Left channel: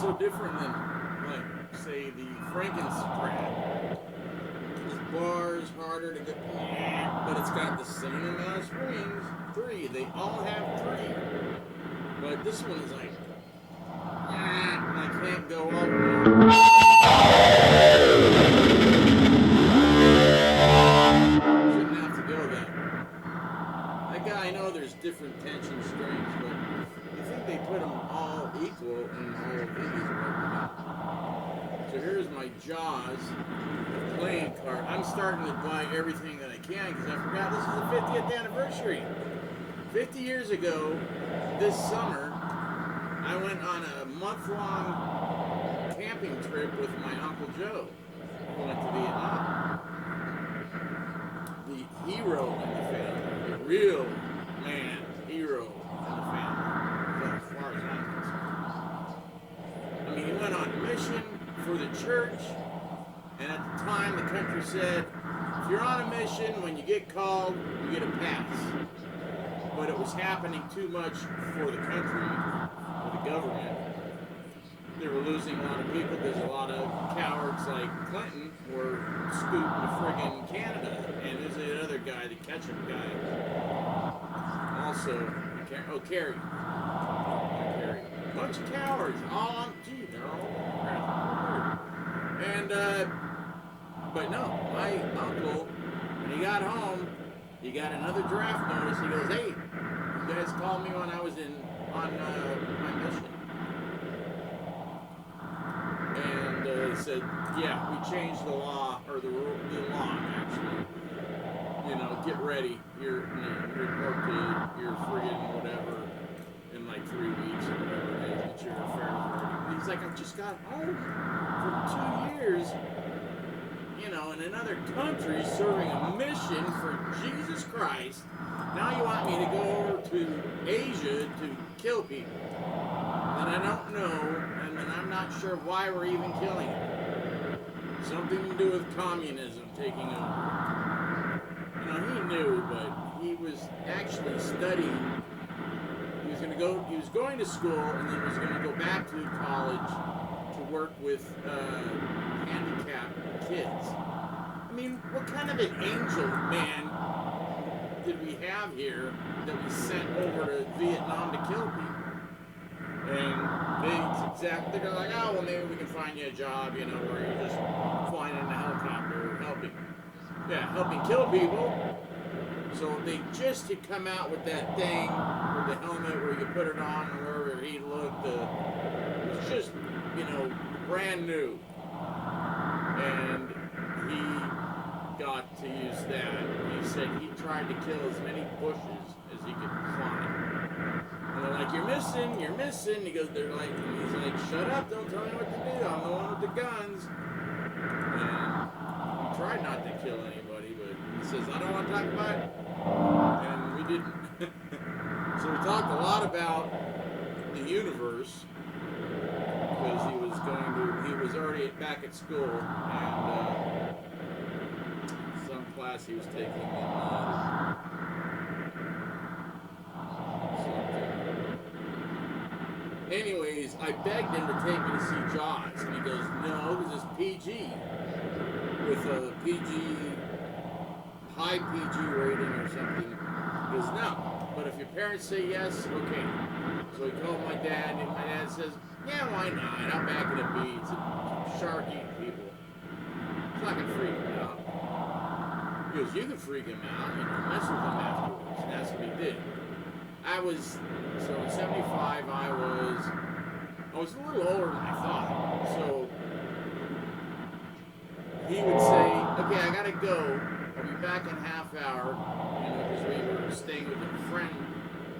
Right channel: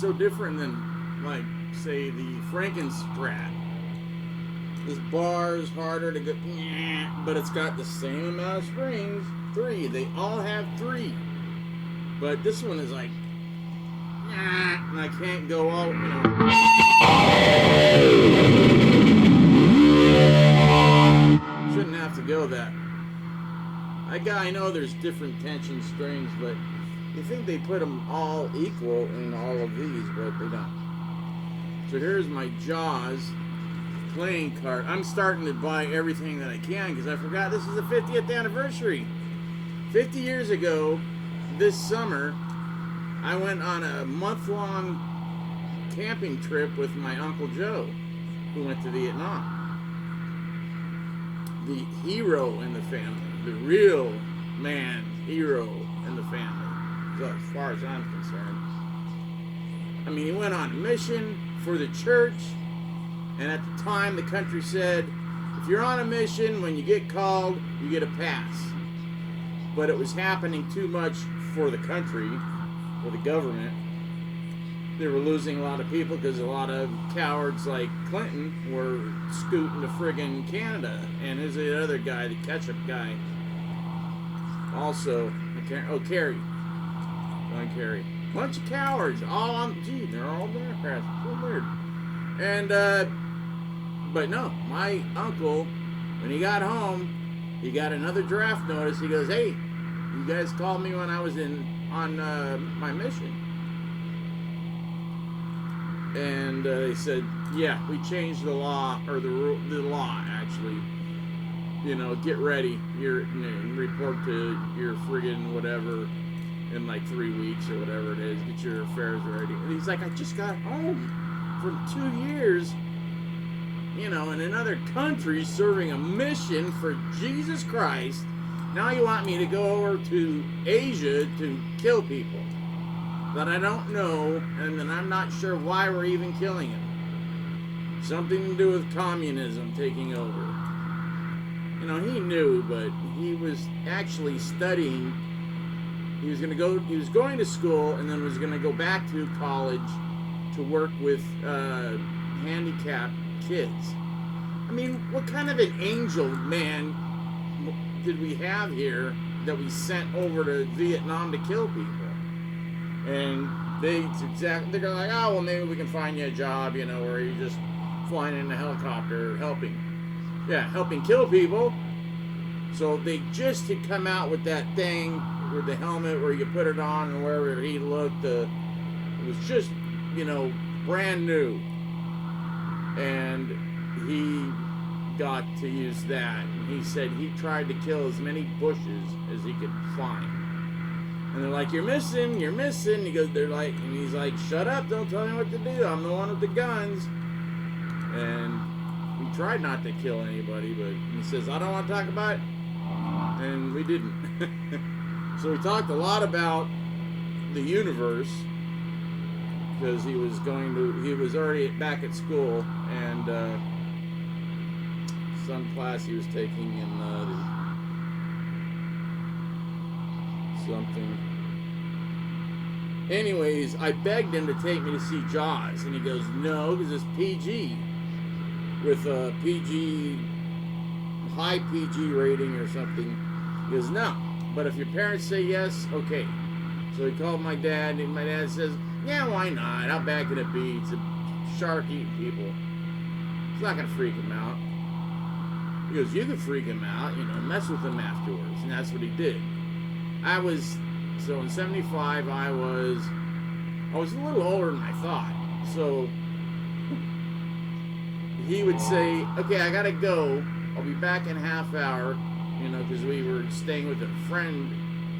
So different than, like, say, the Frankenstrat. This bar is harder to get, but it's got the same amount of strings. 3. They all have 3. But this one is like, and I can't go out. Shouldn't have to go that. I know there's different tension strings, but you think they put them all equal in all of these, but they don't. So here's my Jaws playing card. I'm starting to buy everything that I can because I forgot this is the 50th anniversary. 50 years ago, this summer, I went on a month-long camping trip with my Uncle Joe, who went to Vietnam. The hero in the family, the real man hero in the family. As far as I'm concerned. I mean, he went on a mission for the church, and at the time the country said, if you're on a mission, when you get called, you get a pass. But it was happening too much for the country, for the government. They were losing a lot of people because a lot of cowards like Clinton were scooting to friggin' Canada. And there's the other guy, the ketchup guy. Also, Kerry. Carry. Bunch of cowards, all on, they're all Democrats. So weird. And, but no, my uncle, when he got home, he got another draft notice. He goes, hey, you guys called me when I was on my mission. And he said, yeah, we changed the law, or the law, actually. You know, get ready, report to your friggin' whatever, in like 3 weeks or whatever it is, get your affairs ready. And he's like, I just got home from 2 years, you know, in another country serving a mission for Jesus Christ. Now you want me to go over to Asia to kill people that I don't know, and then I'm not sure why we're even killing them. Something to do with communism taking over. You know, he knew, but he was actually studying. He was going to school and then was going to go back to college to work with handicapped kids. I mean, what kind of an angel man did we have here that we sent over to Vietnam to kill people? And they're like, oh, well, maybe we can find you a job, you know, where you just flying in a helicopter, helping kill people. So they just had come out with that thing with the helmet where you put it on and wherever he looked, it was just, brand new. And he got to use that. He said he tried to kill as many bushes as he could find. And they're like, you're missing. He goes, and he's like, shut up, don't tell me what to do. I'm the one with the guns. And he tried not to kill anybody, but he says, I don't want to talk about it. And we didn't. So we talked a lot about the universe, because he was already back at school, and some class he was taking in something. Anyways, I begged him to take me to see Jaws, and he goes, no, because it's PG, with a high PG rating or something. He goes, no, but if your parents say yes, okay. So he called my dad, and my dad says, yeah, why not? I'll back it a beat. It's a shark eating people. It's not going to freak him out. He goes, you can freak him out, mess with him afterwards. And that's what he did. So in 75, I was a little older than I thought. So he would say, okay, I got to go. I'll be back in a half hour, because we were staying with a friend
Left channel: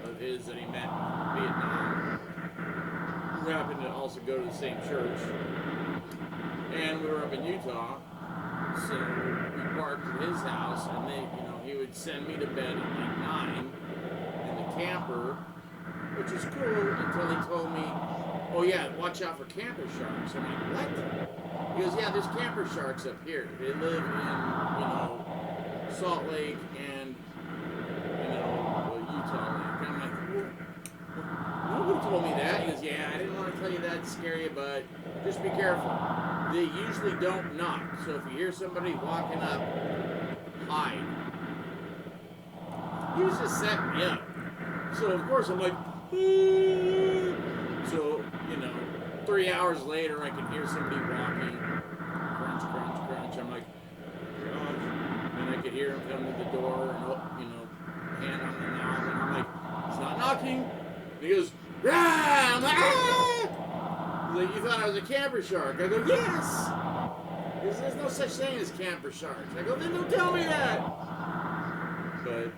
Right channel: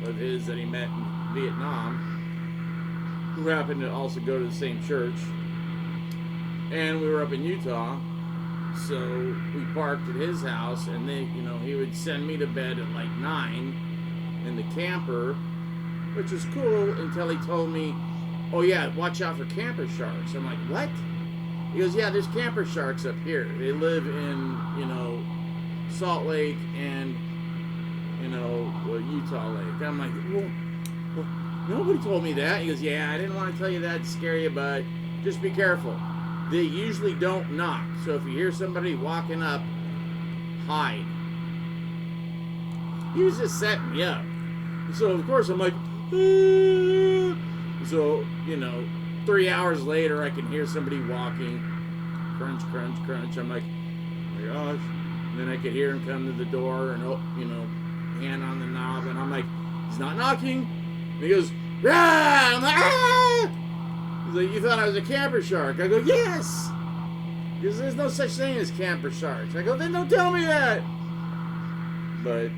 of his that he met in Vietnam, who happened to also go to the same church. And we were up in Utah, so we parked at his house, and he would send me to bed at like 9 in the camper, which was cool until he told me, oh yeah, watch out for camper sharks. I'm like, what? He goes, yeah, there's camper sharks up here. They live in, Salt Lake and, Utah Lake. I'm like, well, nobody told me that. He goes, yeah, I didn't want to tell you that to scare you, but just be careful. They usually don't knock. So if you hear somebody walking up, hide. He was just setting me up. So of course I'm like, ah. So, 3 hours later I can hear somebody walking. Crunch, crunch, crunch. I'm like, gosh. And then I could hear him come to the door and, hand on the knob. And I'm like, he's not knocking. And he goes, ah! I'm like, ah! He's like, you thought I was a camper shark? I go, yes! Because there's no such thing as camper sharks. I go, then don't tell me that! But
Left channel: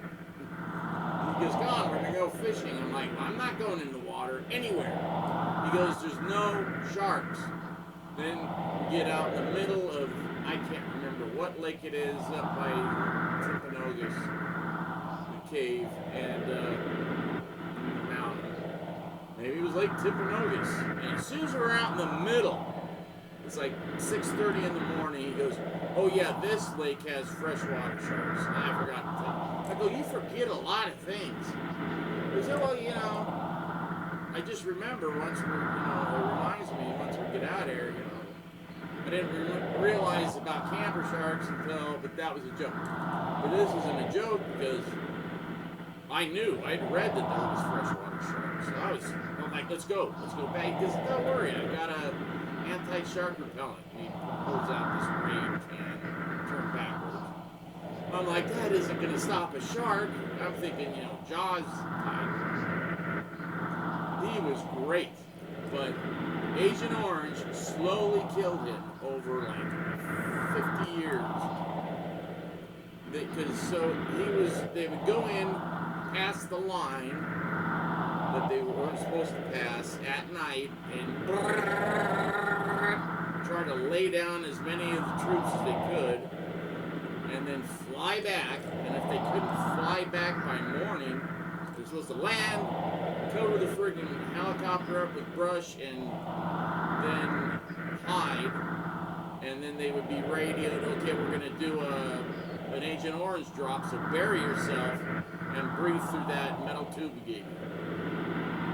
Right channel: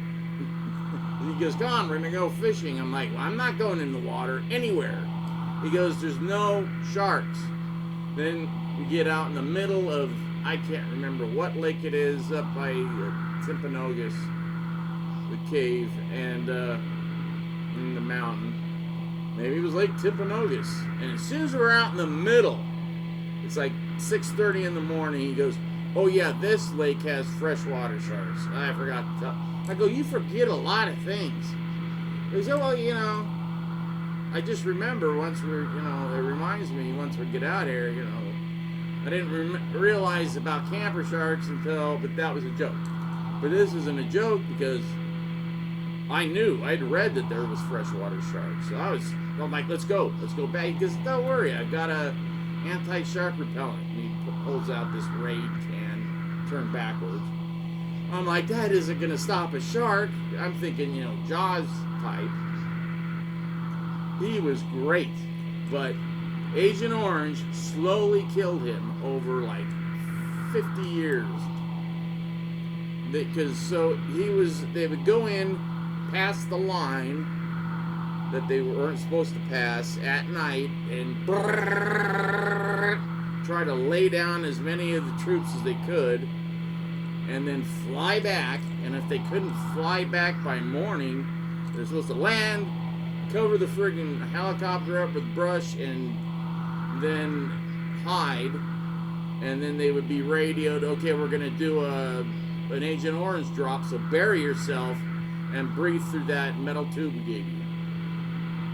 he goes, come on, we're going to go fishing. I'm like, well, I'm not going in the water anywhere. He goes, there's no sharks. Then we get out in the middle of, I can't remember what lake it is, up by Timpanogos, the cave, and in the mountain. Maybe it was Lake Timpanogos. And as soon as we're out in the middle, it's like 6:30 in the morning, he goes, oh yeah, this lake has freshwater sharks. And I forgot to tell. I go, you forget a lot of things. He goes, oh, well, I just remember once we're, it reminds me once we get out of here, I didn't realize about camper sharks but that was a joke. But this isn't a joke because I knew, I'd read that there was freshwater sharks. So I'm like, let's go back. Because don't worry, I've got a anti-shark repellent. And he pulls out this Raid can, turned backwards. I'm like, that isn't going to stop a shark. I'm thinking, Jaws type. He was great, but Agent Orange slowly killed him over like 50 years. Because they would go in past the line that they weren't supposed to pass at night and try to lay down as many of the troops as they could and then fly back. And if they couldn't fly back by morning, they're supposed to land, cover the friggin' helicopter up with brush, and then hide. And then they would be radioed, okay, we're going to do an Agent Orange drop, so bury yourself and breathe through that metal tube we gave you.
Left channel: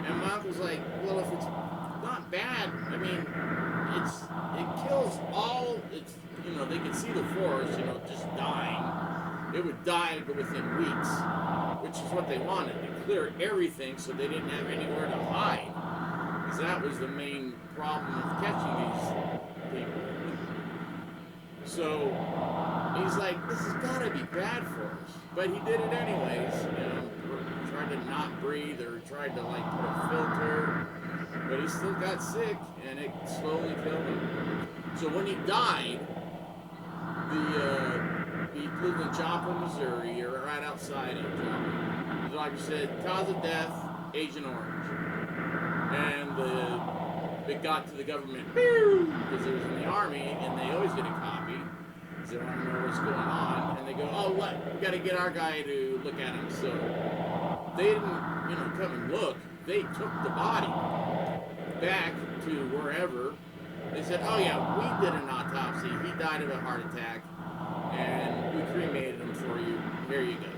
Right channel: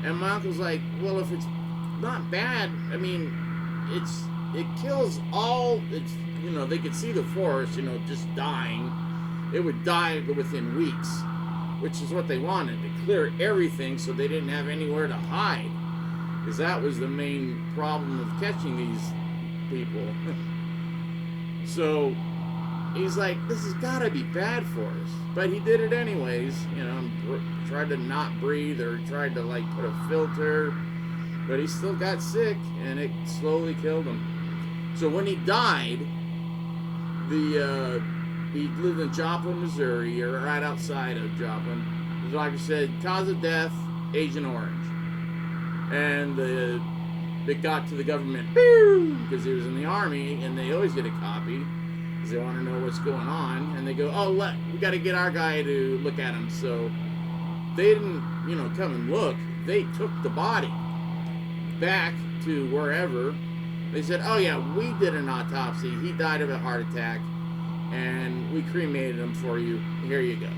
And my uncle's like, well, if it's not bad, I mean, it kills all, they could see the forest, just dying. It would die within weeks, which is what they wanted, to clear everything so they didn't have anywhere to hide. Because that was the main problem of catching these people. So he's like, this has got to be bad for us. But he did it anyways, you know, tried to not breathe or tried to like put a filter. But he still got sick and it slowly killed him. So when he died, he lived in Joplin, Missouri, or right outside of Joplin. The doctor said, cause of death, Agent Orange. And it got to the government, because he was in the Army, and they always get a copy, because they want to know what's going on. And they go, oh, we got to get our guy to look at him. So they didn't, come and look. They took the body back to wherever. They said, oh yeah, we did an autopsy. He died of a heart attack, and we cremated him for you. Here you go.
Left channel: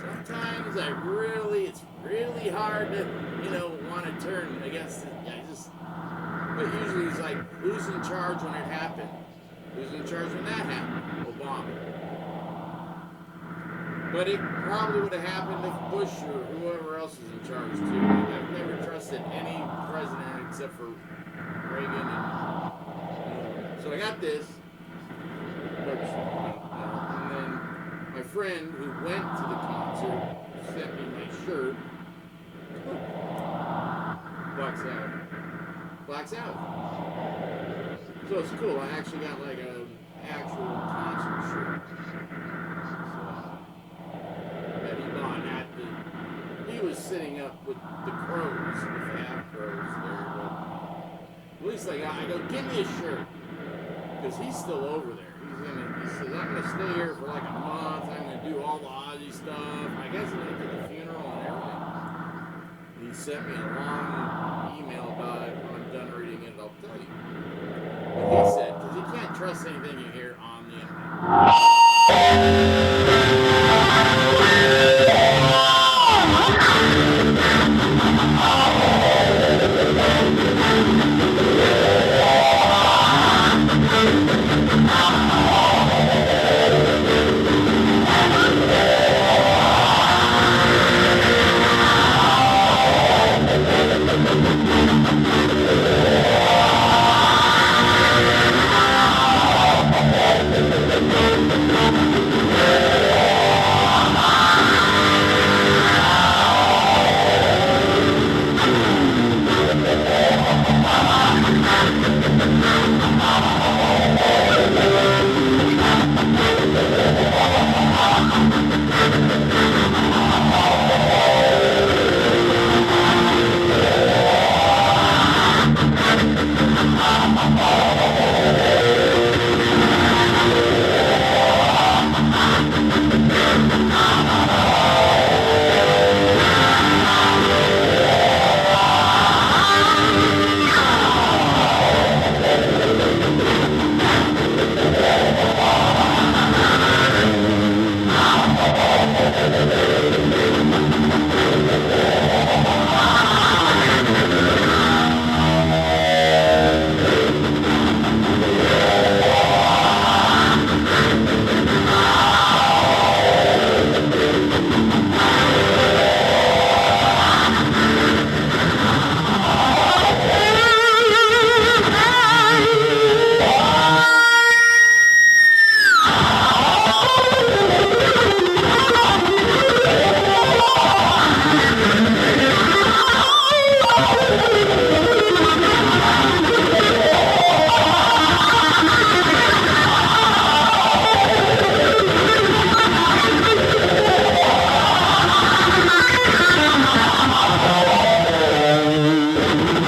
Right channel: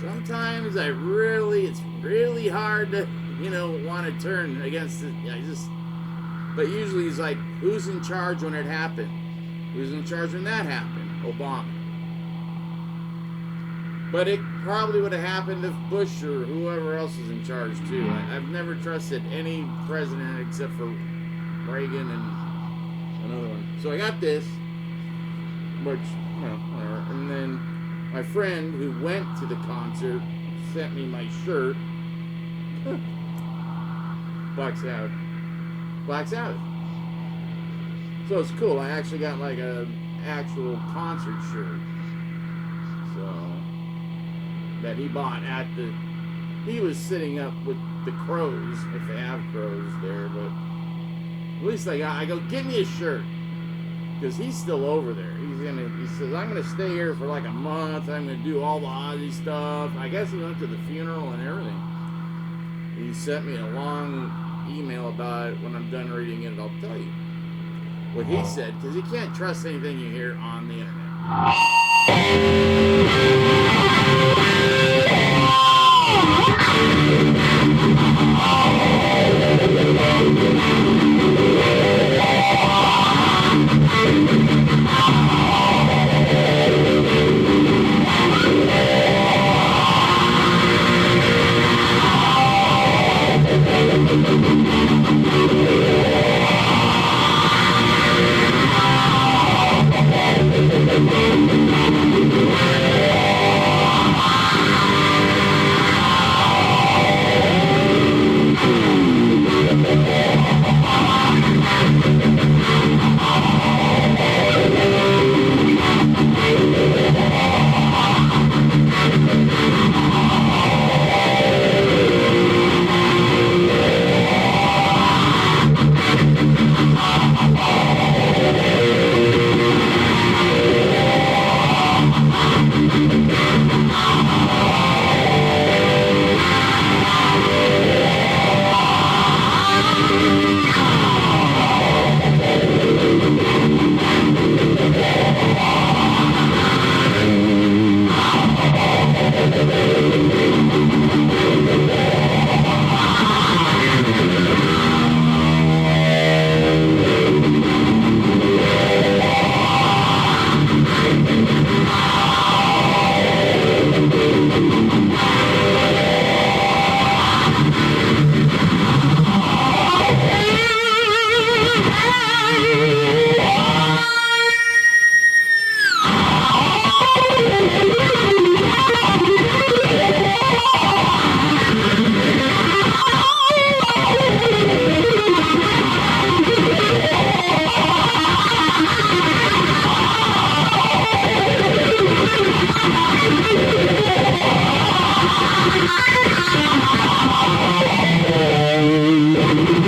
Sometimes it's really hard to, want to turn against it. But usually he's like, who's in charge when it happened? Who's in charge when that happened? Obama. But it probably would have happened if Bush or whoever else was in charge too. I've never trusted any president except for Reagan and another one. So I got this, which, and then my friend who went to the concert sent me my shirt. Black Sabbath. So it's cool. I actually got like a actual concert shirt. That he bought he was sitting up with the crows, if they have crows there, but at least I go, give me a shirt, because he's still over there. He says, I'm going to stay here for like a month, I'm going to do all the Ozzy stuff. I guess he went to the funeral and everything. He sent me a long email about it. When I'm done reading it, I'll tell you what he said, because you can't trust anything you hear on the internet.